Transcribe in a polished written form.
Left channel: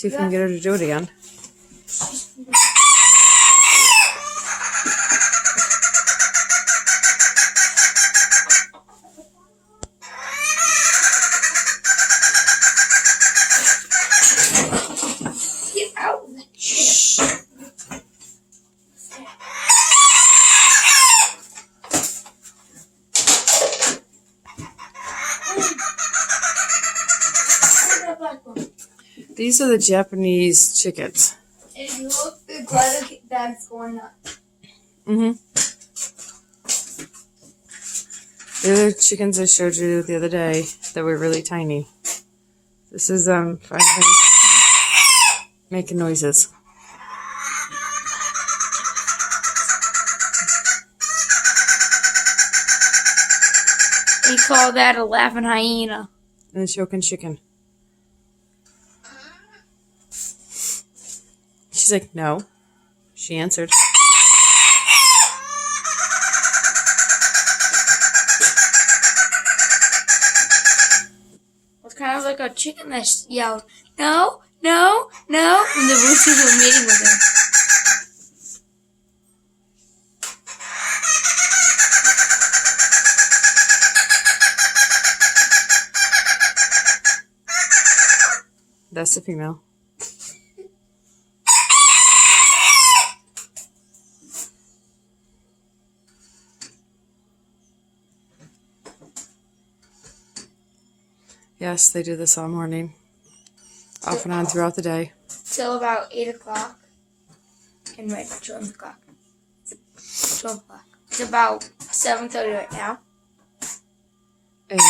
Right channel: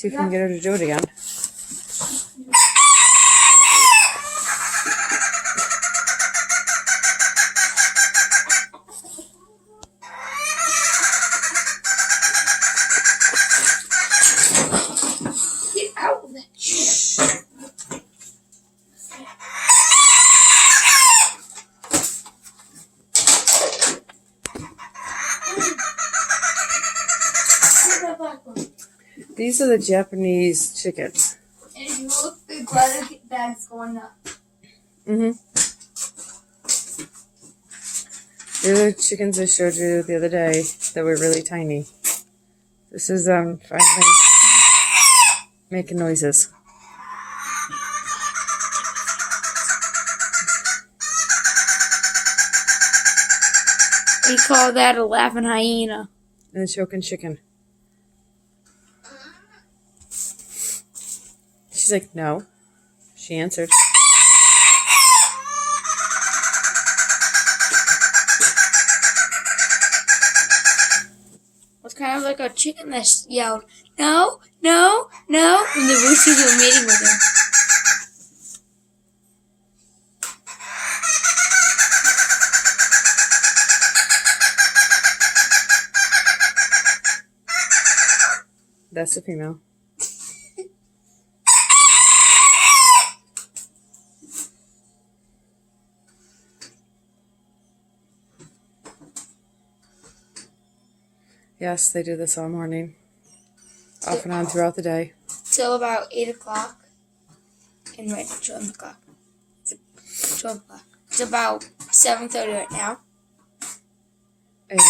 See if we can get her to do it again. Get out of that shit. These are the Japanese chickens. And if you look, the glitter bag's going up. Mm-hmm. They're the chickens I showed you the other day that were really tiny. This is finally making noises. We call that a laughing hyena. And a choking chicken. She's like, no. She answered. It's kind of like a chicken that yelled, no, no, no, when the roosters were mating with him. That's the female. Yes, they do this all morning. Off and on throughout the day. Till about 8 o'clock. And right now, 12 o'clock. It's 12 o'clock. It's about 7:30 right now. And